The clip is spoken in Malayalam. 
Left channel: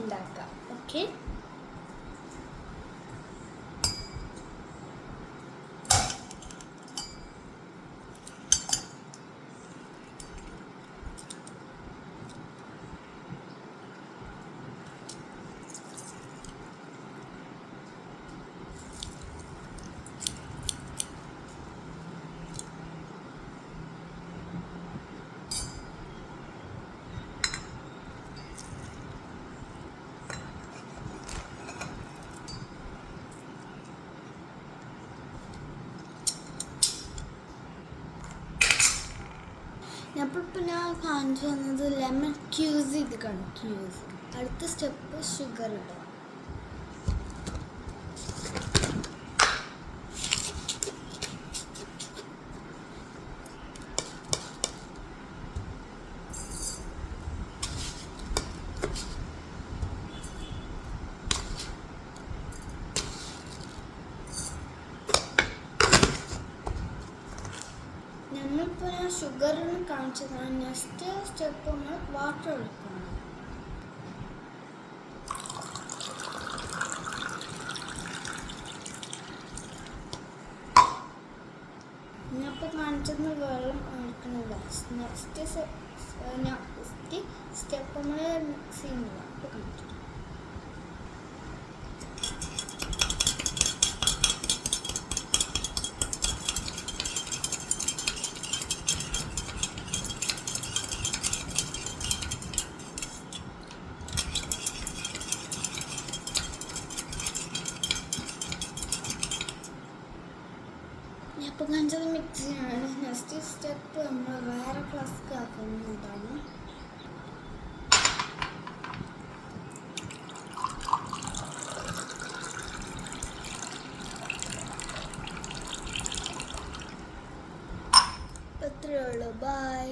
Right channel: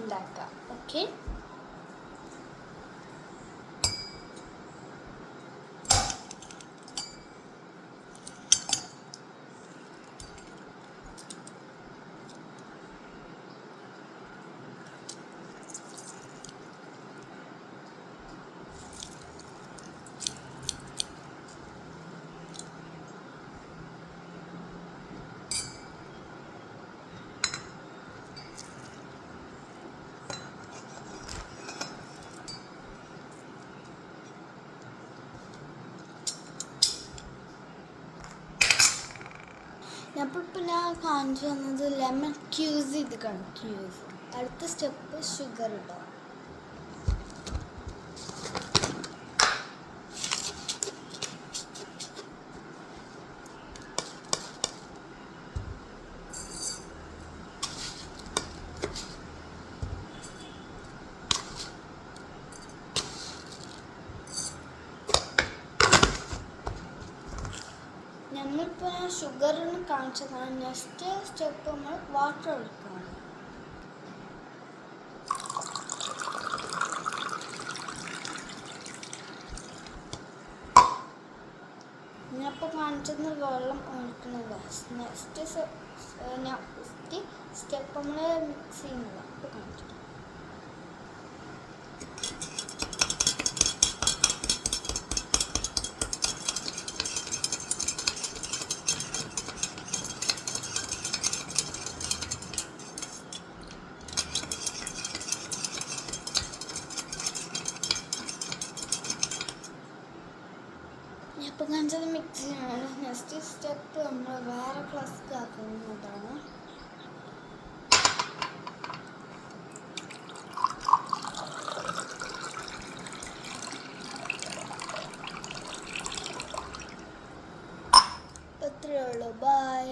ഉണ്ടാക്കാം. ഓക്കെ, അപ്പോൾ ഞാൻ കാണിച്ചു തന്നത് ലെമൺ ക്യൂസ് ചെയ്തിട്ടാണ്. ക്യൂസ് അടുത്ത സ്റ്റെപ്പ് ഷുഗർ ഇടുക. നമ്മളിപ്പോൾ ഞാൻ ഷുഗറിന് കാണിച്ചതാണ്. നെക്സ്റ്റ് സ്റ്റെപ്പ് നമ്മൾ വാട്ടർ ഒഴിക്കുകയാണ്. ഞാനിപ്പോൾ കാണിച്ചത് വെള്ളം ഒഴിക്കുന്നത്. നെക്സ്റ്റ് സ്റ്റെപ്പ് നമ്മൾ മിക്സ് ചെയ്യുന്നില്ല. ഇപ്പോൾ കാണിച്ചിട്ട് ഇപ്പോൾ കാണിച്ചത് മിക്സ് ചെയ്യണം. നെക്സ്റ്റ് സ്റ്റെപ്പ് നമ്മൾ വേറെ ഫ്ലാസ്ക് ആക്കുന്നതാണ്. അത്രയേ ഉള്ളൂ. ബൈ.